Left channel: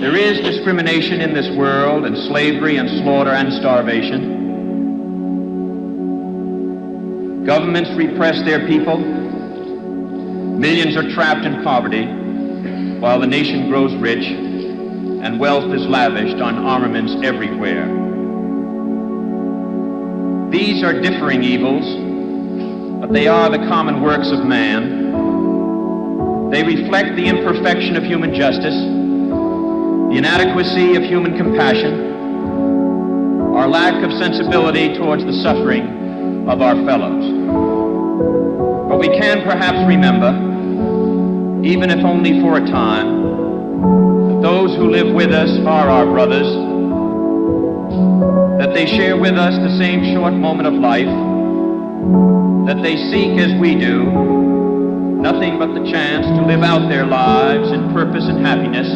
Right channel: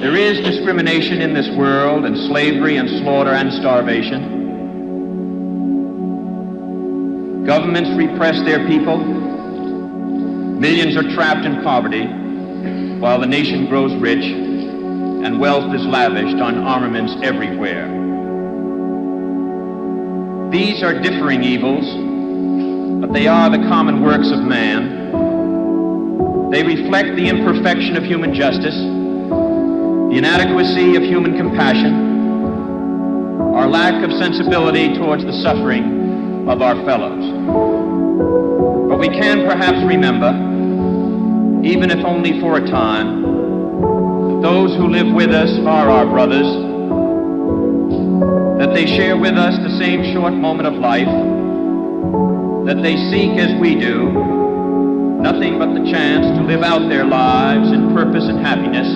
There is discrimination in this world, and slavery and slaughter and starvation. Governments repress their people. Millions are trapped in poverty, while the nation grows rich and wealth is lavished on armaments everywhere. These are differing evils, but they are the common works of man. They reflect the imperfection of human justice, the inadequacy of human compassion, our lack of sensibility towards the suffering of our fellows. But we can perhaps remember, even if only for a time, that those who live with us are our brothers, that they share with us the same short moment of life, that they seek, as we do, nothing but the chance to live out their lives in purpose and happiness,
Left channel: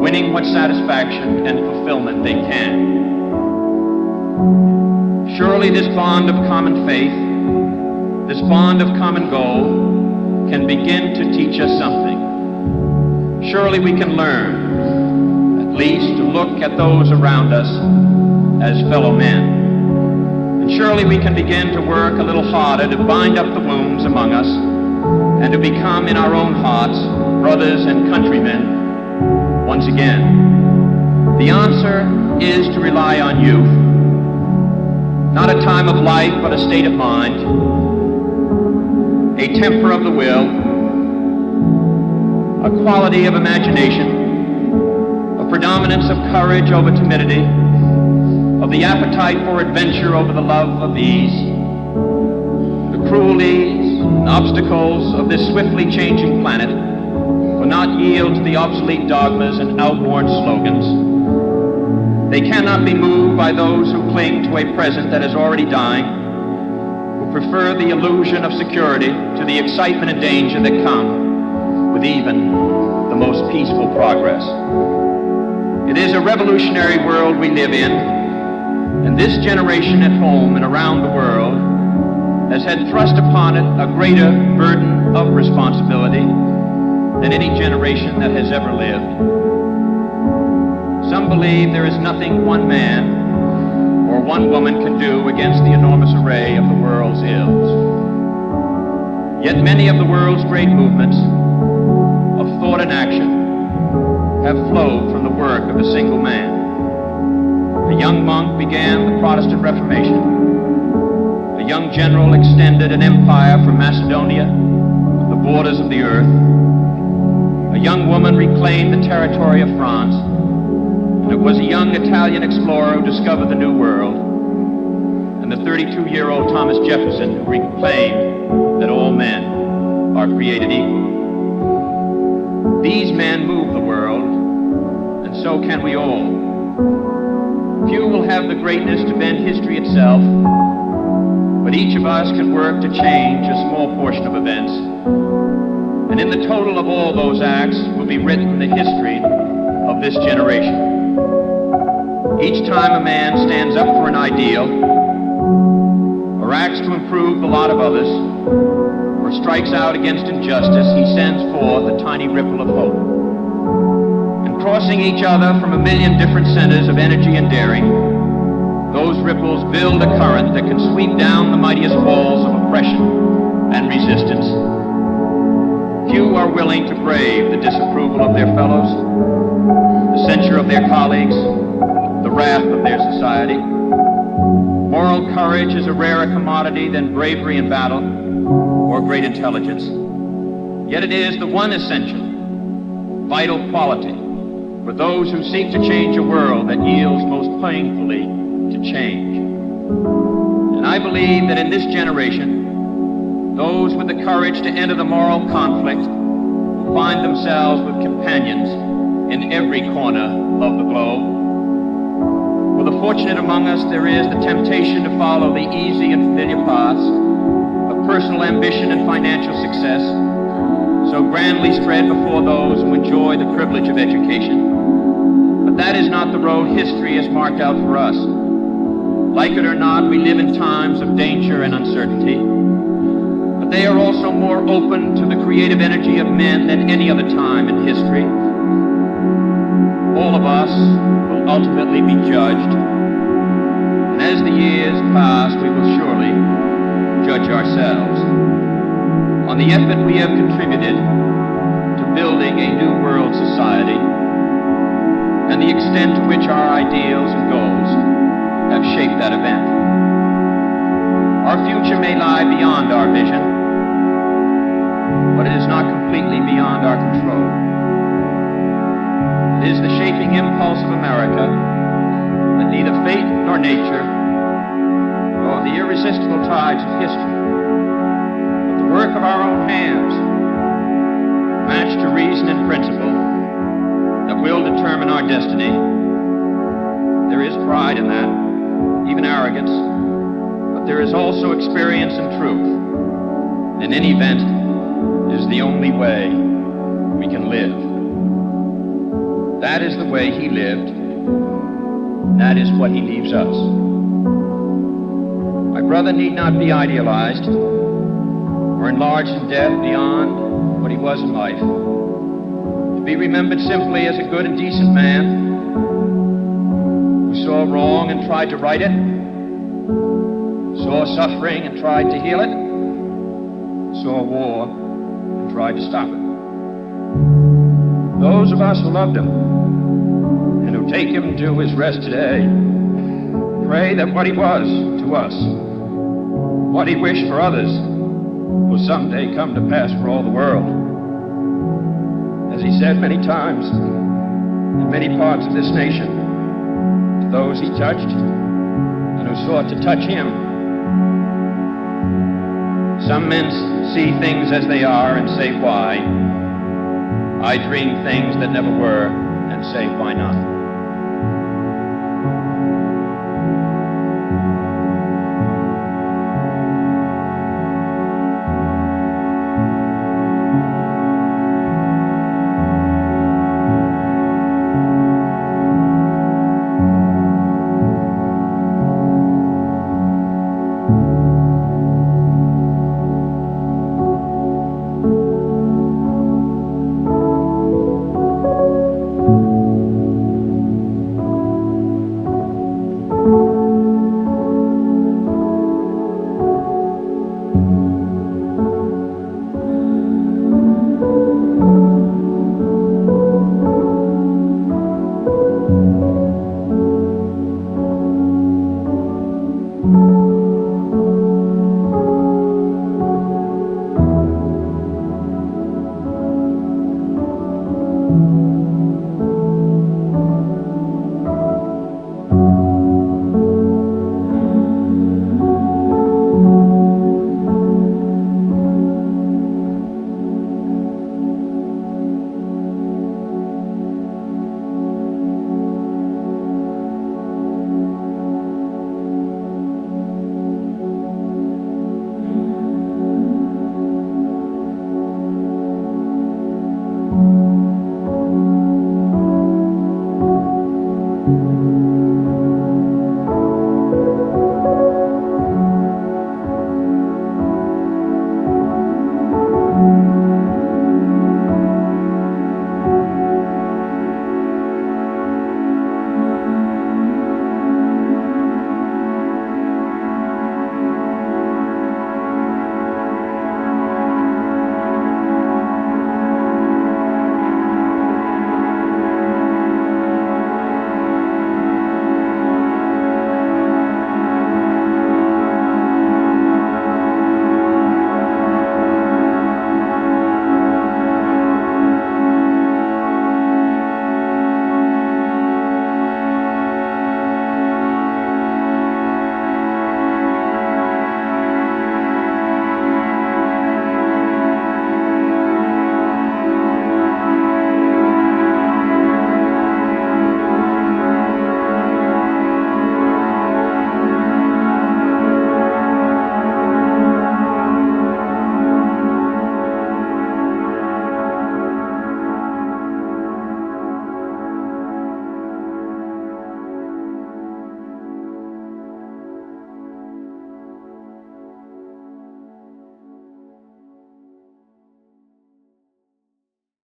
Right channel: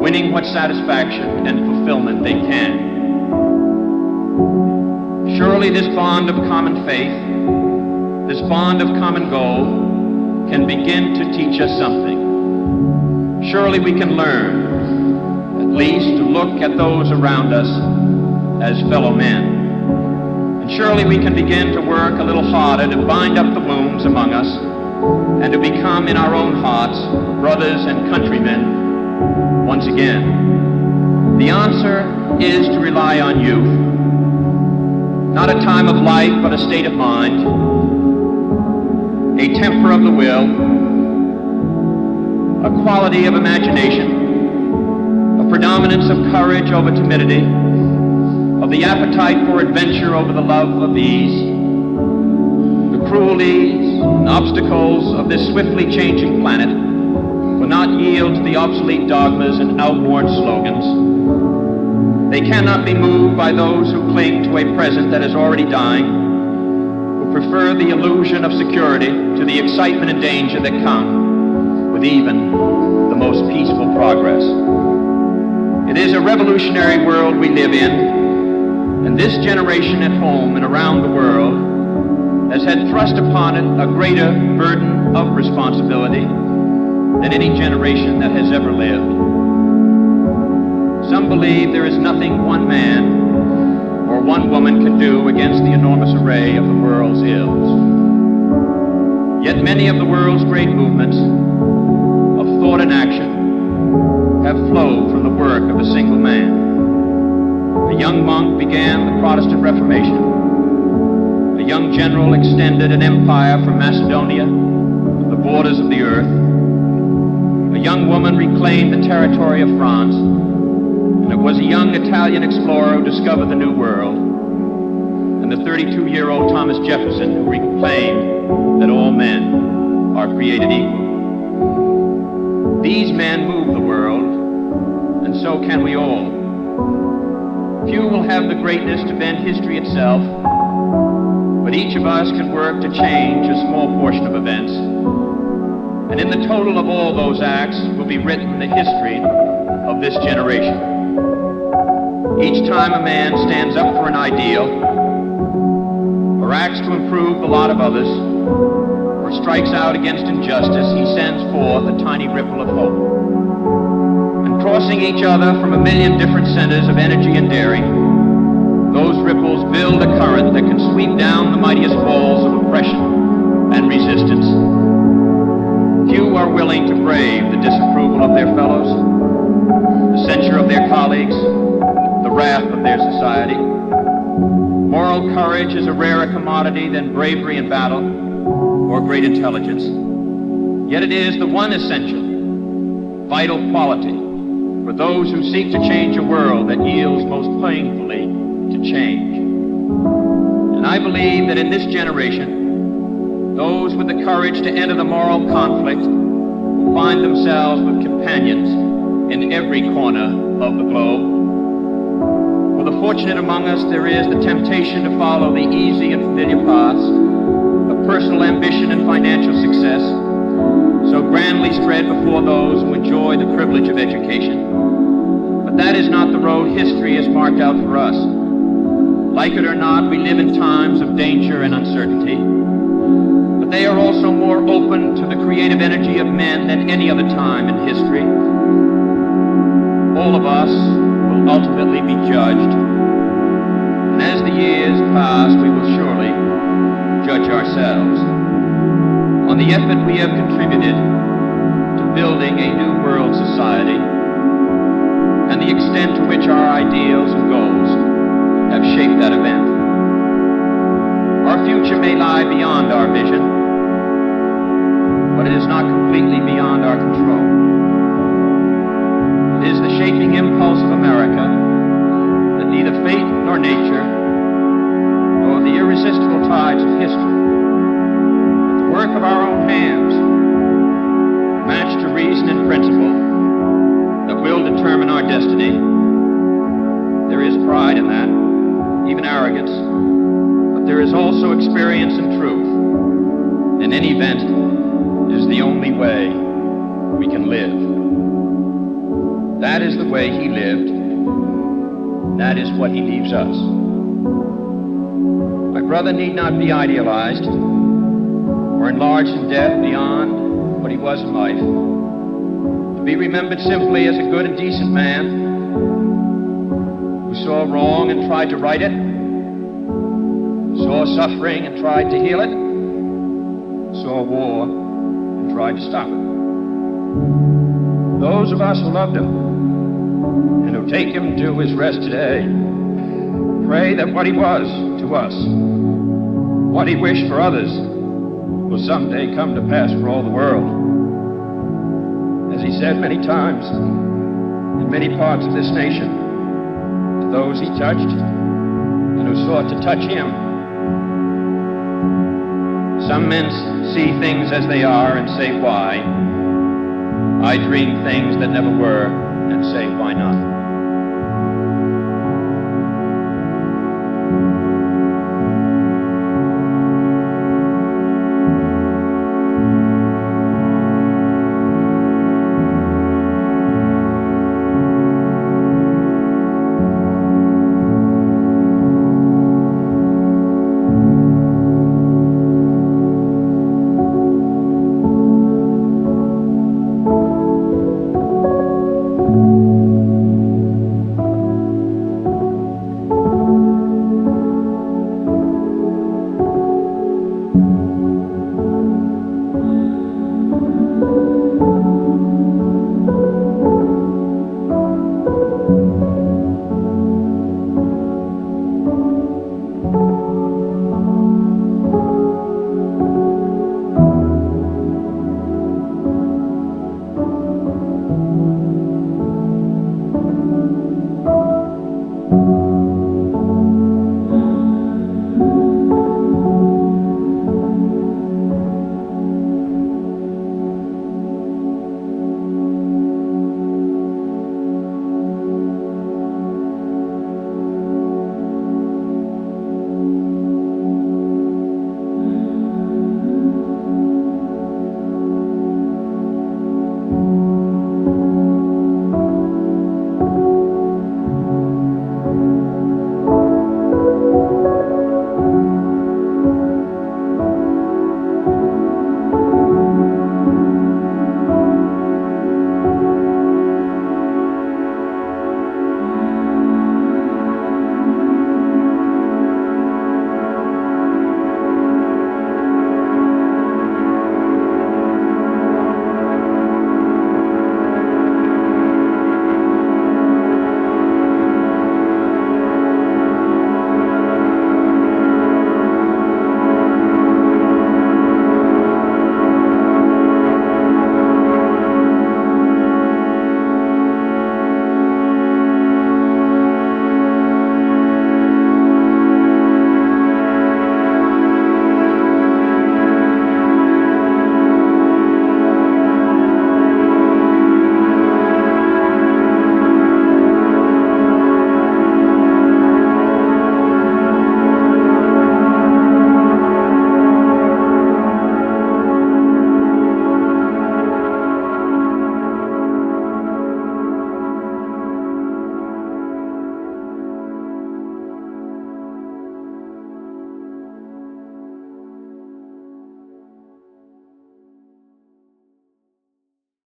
winning what satisfaction and fulfillment they can. Surely this bond of common faith, this bond of common goal, can begin to teach us something. Surely we can learn, at least, to look at those around us as fellow men. And surely we can begin to work a little harder to bind up the wounds among us and to become in our own hearts brothers and countrymen once again. The answer is to rely on youth, not a time of life but a state of mind, a temper of the will, a quality of imagination, a predominance of courage over timidity, of the appetite for adventure over the love of ease. The cruelties and obstacles of this swiftly changing planet will not yield to the obsolete dogmas and outworn slogans. They cannot be moved by those who cling to a present that is already dying, who prefer the illusion of security to the excitement and danger that come with even the most peaceful progress. It is a revolutionary world we live in, and this generation at home and around the world has had thrust upon it a greater burden of responsibility than any generation that has ever lived. Some believe there is nothing one man or one woman can do against the enormous array of the world's ills. Yet many of the world's great movements of thought and action have flowed from the work of a single man. A young monk began the Protestant Reformation. A young general extended an empire from Macedonia to the borders of the earth. A young woman reclaimed the territory of France. And it was a young Italian explorer who discovered the New World, and the 32-year-old Thomas Jefferson who proclaimed that all men are created equal. These men move the world, and so can we all. Few will have the greatness to bend history itself, but each of us can work to change a small portion of events, and in the total of all those acts will be written the history of this generation. Each time a man stands up for an ideal, or acts to improve the lot of others, or strikes out against injustice, he sends forth a tiny ripple of hope. And crossing each other from a million different centers of energy and daring, those ripples build a current that can sweep down the mightiest walls of oppression and resistance. Few are willing to brave the disapproval of their fellows, the censure of their colleagues, the wrath of their society. Moral courage is a rarer commodity than bravery in battle or great intelligence. Yet it is the one essential, vital quality for those who seek to change a world that yields most painfully to change. And I believe that in this generation, those with the courage to enter the moral conflict will find themselves with companions in every corner of the globe. For the fortunate among us, there is the temptation to follow the easy and familiar paths of personal ambition and financial success, so grandly spread before those who enjoy the privilege of education. But that is not the road history has marked out for us. Like it or not, we live in times of danger and uncertainty. But but they are also more open to the creative energy of men than any other time in history. All of us will ultimately be judged, and as the years pass, we will surely judge ourselves on the effort we have contributed to building a new world society and the extent to which our ideals and goals have shaped that event. Our future may lie beyond our vision, but it is not completely beyond our control. It is the shaping impulse of America that neither fate nor nature, nor the irresistible tides of history, but the work of our own hands, matched to reason and principle, that will determine our destiny. There is pride in that, even arrogance, but there is also experience and truth. In any event, it is the only way we can live. That is the way he lived. That is what he leaves us. My brother need not be idealized or enlarged in death beyond what he was in life. To be remembered simply as a good and decent man who saw wrong and tried to right it, saw suffering and tried to heal it, saw war and tried to stop it. Those of us who loved him and who take him to his rest today pray that what he was to us, what he wished for others, will someday come to pass for all the world. As he said many times in many parts of this nation, to those he touched and who sought to touch him. Some men see things as they are and say, why? I dream things that never were and say, why not?